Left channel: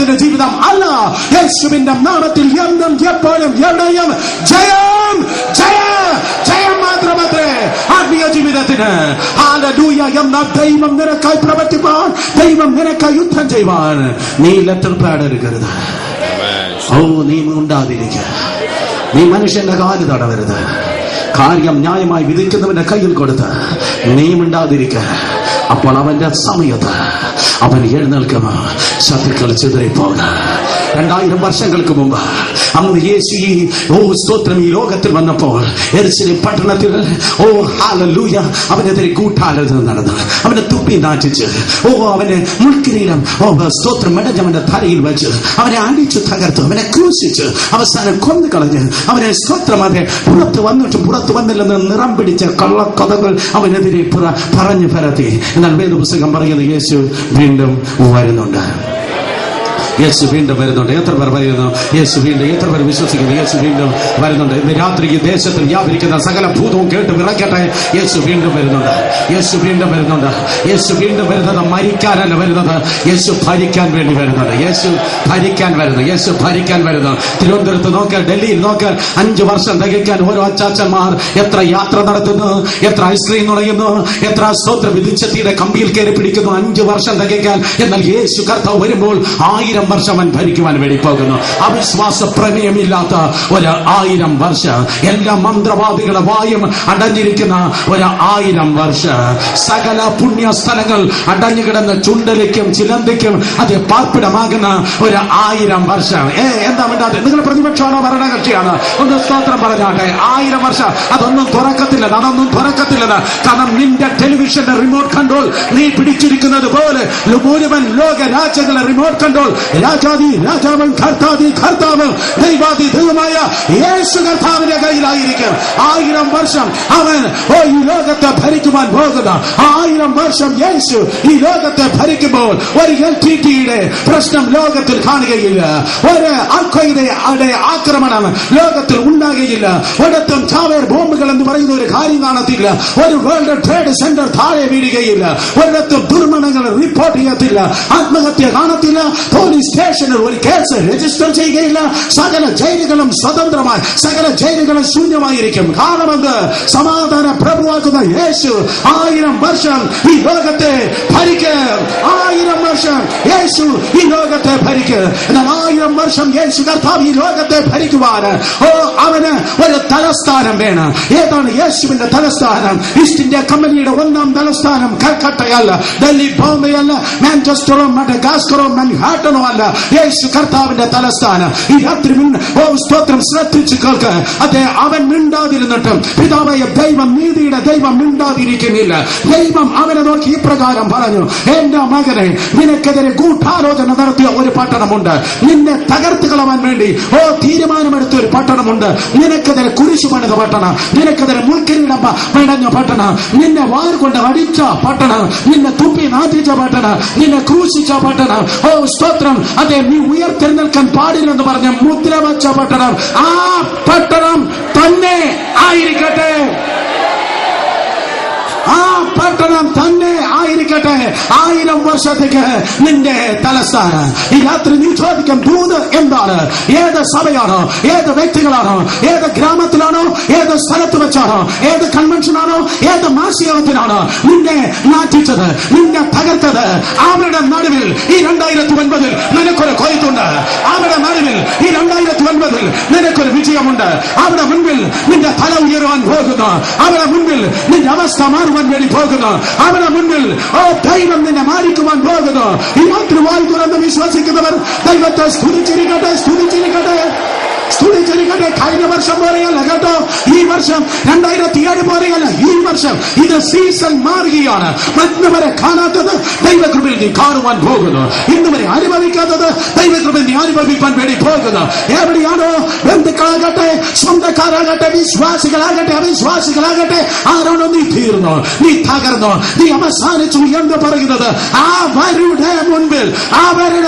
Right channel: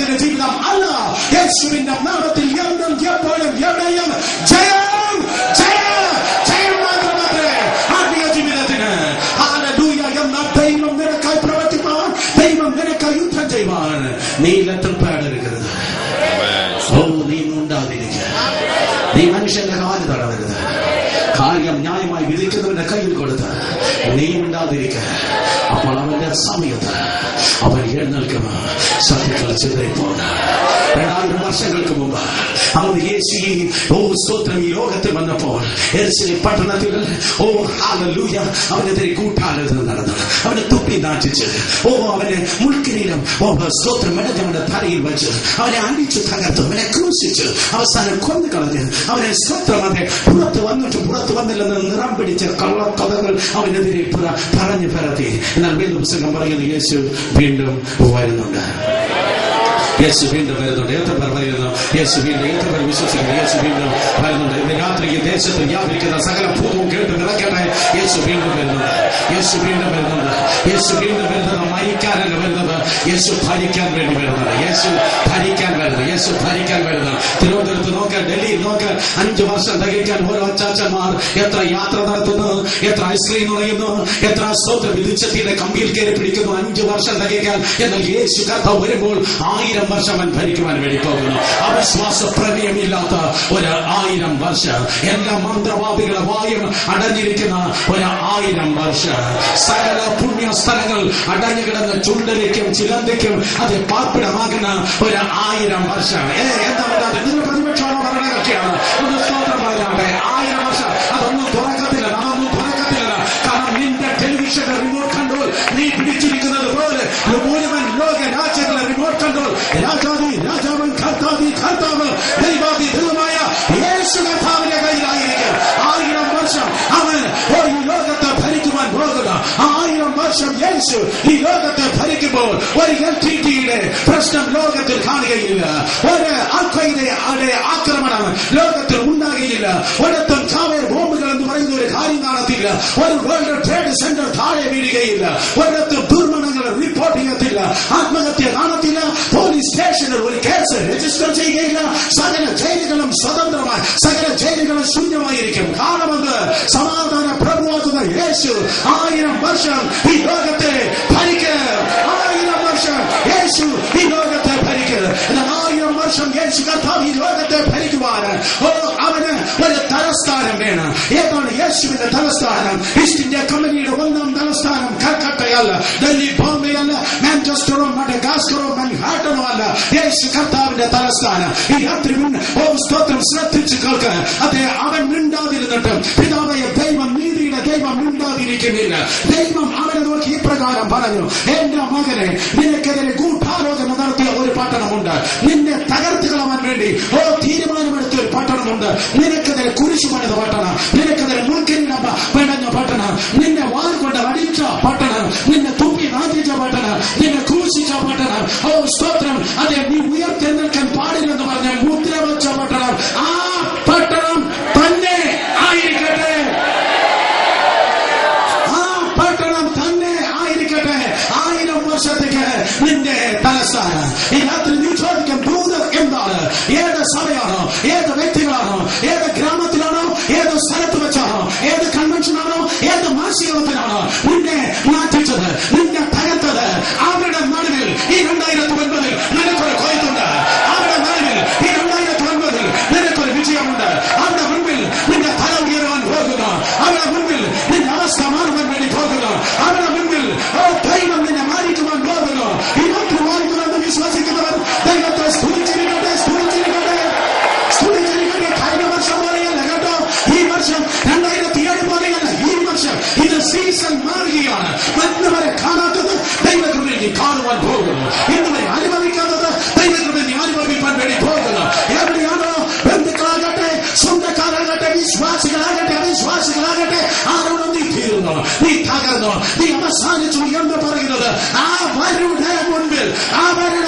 ലോകത്തിന്റെ ജീവിതം അല്ല. യേശുവിന്റെ നാമത്തിൽ എന്നും എപ്പോഴും എവിടെയും ജയം ജയം ജയം മാത്രമത്രേ ആത്മീയ ജീവിതത്തിന്. ഹല്ലേലൂയ. എന്നാൽ ദൈവം നിനക്കായി പ്രവർത്തിപ്പാൻ, ദൈവം നിനക്കായി യുദ്ധം ചെയ്യുവാൻ നീ ലെറ്റർ പാഡ് എടുക്കരുത്. നീ ഉണ്ടാതിരിക്കുക. നീ മനുഷ്യന്റെ കാല് തടവരുത്. കാര്യം ന്യായമായി വിധിക്കുന്നവന്റെ കയ്യിൽ കൊടുത്ത് നീ മിണ്ടാതിരിക്കുക. അപ്പോൾ അവന്റെ സമയത്ത് അവൻ എഴുന്നേൽക്കുമോ. ശത്രുക്കൾ ചിതറിപ്പോകുക. 2000 വർഷങ്ങൾക്ക് മുമ്പ് അന്ന് യേശു സ്തോത്രം ഈ ലോകത്തിൽ വന്നപ്പോൾ യെരുശലേം പട്ടണത്തിൽ ഹല്ലേലൂയ അവനെതിരെ കൂട്ടാലോചന നടന്നു. അവനെ തുപ്പി നാട്ടിച്ച് അവനെ മുൾക്കിരീടം സ്തോത്രം മെടഞ്ഞവന്റെ തലയിൽ വെച്ച് അവനെ അടിച്ചു തകർത്തു. അവനെ ക്രൂശിച്ച് അവസാനം കൊന്നു കളഞ്ഞ് അവനെ സ്തോത്രം അതെ പുറത്ത് വന്നിട്ടും പുറത്ത് വന്നില്ലെന്ന് നിറം പിടിച്ച കള്ളക്കഥകൾ അവനെതിരെ പറഞ്ഞു പരത്തി. എന്നാൽ വേദപുസ്തകം പറയുന്നത് യേശു വീണ്ടും വരുന്നുണ്ട്. യേശു വീണ്ടും വരുന്നുണ്ട്. എത്ര പേർ പറയുന്നു യേശു വീണ്ടും? എത്ര പേർ വിശ്വസിക്കുന്നു യേശു വീണ്ടും വരുന്നുണ്ട്? ഇന്ന് രാത്രി ഈ ദേശത്ത് വ്യാപരിക്കുന്ന സകല ഭൂതവും കേട്ട് വിറക്കട്ടെ. യേശു വീണ്ടും വരുന്നുണ്ട്. യേശു വീണ്ടും വരുന്നുണ്ട്. യേശു വീണ്ടും വരുന്നത് മരിക്കാനല്ല വരുന്നത്, യേശു ഭരിക്കാൻ വേണ്ടി വരുന്നത്. യേശു ഭരിക്കാൻ വരുന്നത്. യേശു ഭരിക്കാൻ വരുന്നത്. തിരുവനന്തപുരത്ത് നോക്ക്, ഡൽഹിയിൽ നോക്ക്, 5 വർഷം തികയ്ക്കാൻ ഓരോ അച്ചാച്ചന്മാർ എത്ര യാത്ര നടത്തുന്നു, എത്ര ഐസ്ക്രീം നുളയുന്നു, എത്ര സ്തോത്ര വിധിച്ചത്തിയുടെ കമ്പിയിൽ കയറി പിടിക്കുന്നു 5 വർഷം തികയ്ക്കാൻ. എന്നാൽ യേശു കർത്താവ് വരുമ്പോൾ 1000 വർഷം അവൻ ഭരിക്കുവാൻ വേണ്ടി പോകുന്നു. അവിശ്വാസ പ്രമേയമില്ലാത്ത 1000 വർഷം, എല്ലാ മന്ത്രവാദികളുടെ വായും അടഞ്ഞിരിക്കുന്ന 1000 വർഷം, സകല പുണ്യ സ്ഥലങ്ങൾ അടഞ്ഞു കിടന്ന് ചുണ്ടലിക്കും ചിലന്തിക്കും അത് പാർപ്പിടമാകുന്ന 1000 വർഷം. എന്താ വേണ്ടാതെ? നിങ്ങൾ പ്രതിപക്ഷമാണോ ഭരണകക്ഷിയാണ്? ഒന്ന് സ്തോത്രം പറഞ്ഞാട്ടെ. 1000 വർഷം അതൊന്നും തുറക്കത്തില്ല, അതൊന്നും തുറക്കത്തില്ലെന്ന്. കാരണം നിന്റെ ടെലിവിഷന്റെ റിമോട്ട് കൺട്രോൾ നീ പിടിച്ചിരിക്കുന്നത് പോലെ മുഴുവൻ ലോക രാജ്യങ്ങളുടെ റിമോട്ട് കൺട്രോൾ രാജാതി രാജാവൻ കർത്താതി കർത്താവ് ദൈവാതി ദൈവമായ യേശു കർത്താവിന്റെ കയ്യിലായിരിക്കും. 1000 വർഷം അവൻ ഈ ലോകത്തെ ഭരിക്കുവാൻ പോകുന്ന 1000 വർഷം യേശു ഈ ലോകത്തെ ഭരിക്കുമ്പോൾ ഒരു LTTയുടെ പ്രശ്നം ലോകത്തിൽ കാണുകയില്ല. ഒരു അൽഖ്വയ്ദയുടെ ആക്രമണം ലോകത്തിൽ ഉണ്ടാകുകയില്ല. ഒരിടത്തും ചാവേർ ബോംബുകൾ എന്ന് പറയുന്ന ഒരു കാര്യം കാണത്തില്ല. ഒരു വേൾഡ് ട്രേഡ് സെന്റർ താഴെ വീഴുകയില്ല. ഒരിടത്തും ദുർമരണങ്ങൾ റിപ്പോർട്ട് ചെയ്യത്തില്ല. ആത്മഹത്യ കാണത്തില്ല. പോലീസ് സ്റ്റേഷനിൽ ഒരു കേസ് രജിസ്റ്റർ ചെയ്യുകയില്ല. സകല ജയിലുകളും സ്വതന്ത്രമായി, സകല ജയിലുകളും ശൂന്യമായിരിക്കും. കാരണമെന്ത്? സമാധാന പ്രഭുവാക്കുന്ന യേശു 1000 വർഷം ഈ ലോകത്തെ ഭരിക്കും. 1000 വർഷം യേശു ഈ ലോകത്തെ ഭരിക്കും. എന്നാൽ 1000 വർഷം യേശു കർത്താവ് ഈ ലോകത്തെ ഭരിക്കുവാൻ അവന് ഒരു തലസ്ഥാനം വേണം. ഏതാണ് യേശുവിന്റെ തലസ്ഥാനം? ഈസ്റ്റ് ഇന്ത്യ കമ്പനിയുടെ 1ാം തലസ്ഥാനം കൽക്കട്ടയല്ല, ഡൽഹി, ബോംബെ അല്ല, മാഞ്ചസ്റ്ററോ മഡഗാസ്കറോ മൻഹാട്ടനോ അല്ല. യേശു കർത്താവിന്റെ തലസ്ഥാനം. ഈ രാത്രി സ്തോത്രം ശ്രദ്ധിച്ചു കേൾക്ക്. അതെ, അവൻ മിണ്ടാതിരുന്നിട്ടും പിതാവായ ദൈവം, നീതിയുടെ ദൈവം മിണ്ടാതിരിക്കുന്നില്ല. ദൈവം അവനെ നോക്കി ഇപ്രകാരം പറഞ്ഞു: എന്റെ മകനെ, നിനക്കെതിരെ ഗൂഢാലോചന നടത്തിയ ഒരു പട്ടണമുണ്ട്. നിന്നെ തകർത്ത് കളവാൻ വേണ്ടി തീരുമാനമെടുത്ത ഒരു പട്ടണമുണ്ട്. നിനക്കെതിരെ കുരിശു പണിത പട്ടണം, നിനക്കെതിരെ മുൾക്കിരീടം മെടഞ്ഞ പട്ടണം, നിന്നെ വാൾ കൊണ്ട് അടിച്ച പട്ടണം, നിന്നെ തുപ്പി നാട്ടിച്ച പട്ടണം, നിന്നെ ക്രൂശിച്ച പട്ടണം. സ്തോത്രം. അതെ, നീ ഉയർത്തെഴുന്നേൽക്കാൻ പാടില്ലെന്ന് പറഞ്ഞ മുദ്ര വച്ച പട്ടണം. ആ പട്ടണം തന്നെ ആയിരിക്കട്ടെ. ആ പട്ടണം തന്നെ ആയിരിക്കട്ടെ. 1000 വർഷത്തേക്ക് നിന്റെ തലസ്ഥാനം. ഈ രാത്രി നീ ചോദിക്കും, ദൂത് എന്താണ്? ഏത് സഭയാണോ? ഏത് വ്യക്തികളാണോ? ഏത് ഗ്രാമത്തിലാണോ? ഏത് സ്ഥലത്ത് വെച്ചാണോ? ഏത് കൺവെൻഷനാണോ? ഏത് മാസികത്തിലാണോ നിന്നെ നാട്ടിച്ചത്, നിന്നെ തകർത്തത്? അവരുടെ നടുവിൽ ഈ 2009 നിനക്കൊരു കൊയ്ത്തുണ്ട്. അവരുടെ നടുവിൽ ഈ 2009 നിനക്കൊരു വിജയമുണ്ട്. അവിടെ മുൻപിൽ നിന്റെ തല ഉയരുവാൻ പോകുന്നു. അവിടെ മുൻപിൽ നിന്റെ അവസ്ഥ മാറുവാൻ വേണ്ടി പോകുന്നു. അവിടെ മുൻപിൽ ദൈവം നിന്നെ മാറിക്കുവാൻ പോകുന്നു. ഈ രാത്രി വായിക്കുമെന്ന് വിശ്വസിക്കുന്നവർ ദൈവത്തെ സ്തുതിച്ചിരിക്കട്ടെ, സ്തുതിച്ചിരിക്കട്ടെ, സ്തുതിച്ചിരിക്കട്ടെ. കഴിഞ്ഞ വർഷം പോലെയല്ല കേട്ടോ, ഈ വർഷം 2007 പോലെയല്ല. ഈ വർഷം ഇത് സീസൺ മാറുകയാണ്. ഇന്നുവരെ കാണാത്തത് ദൈവകൃപയിൽ നീ കാണുവാൻ പോകുന്നു. ഇന്നുവരെ അനുഭവിക്കാത്തത് ദൈവകൃപയിൽ നീ അനുഭവിക്കാൻ വേണ്ടി പോകുന്നു. എവിടെയാണോ? ബന്ധുക്കളാകട്ടെ, സ്വന്തക്കാരാകട്ടെ, വിശ്വാസികളാകട്ടെ, അവിശ്വാസികളാകട്ടെ, ആരാണോ നീ തീർന്നോ, നീ തകർന്നോ, നീ അവസാനിച്ചു എന്ന് പറയുന്നത്, അവരുടെ മുൻപിൽ അവരുടെ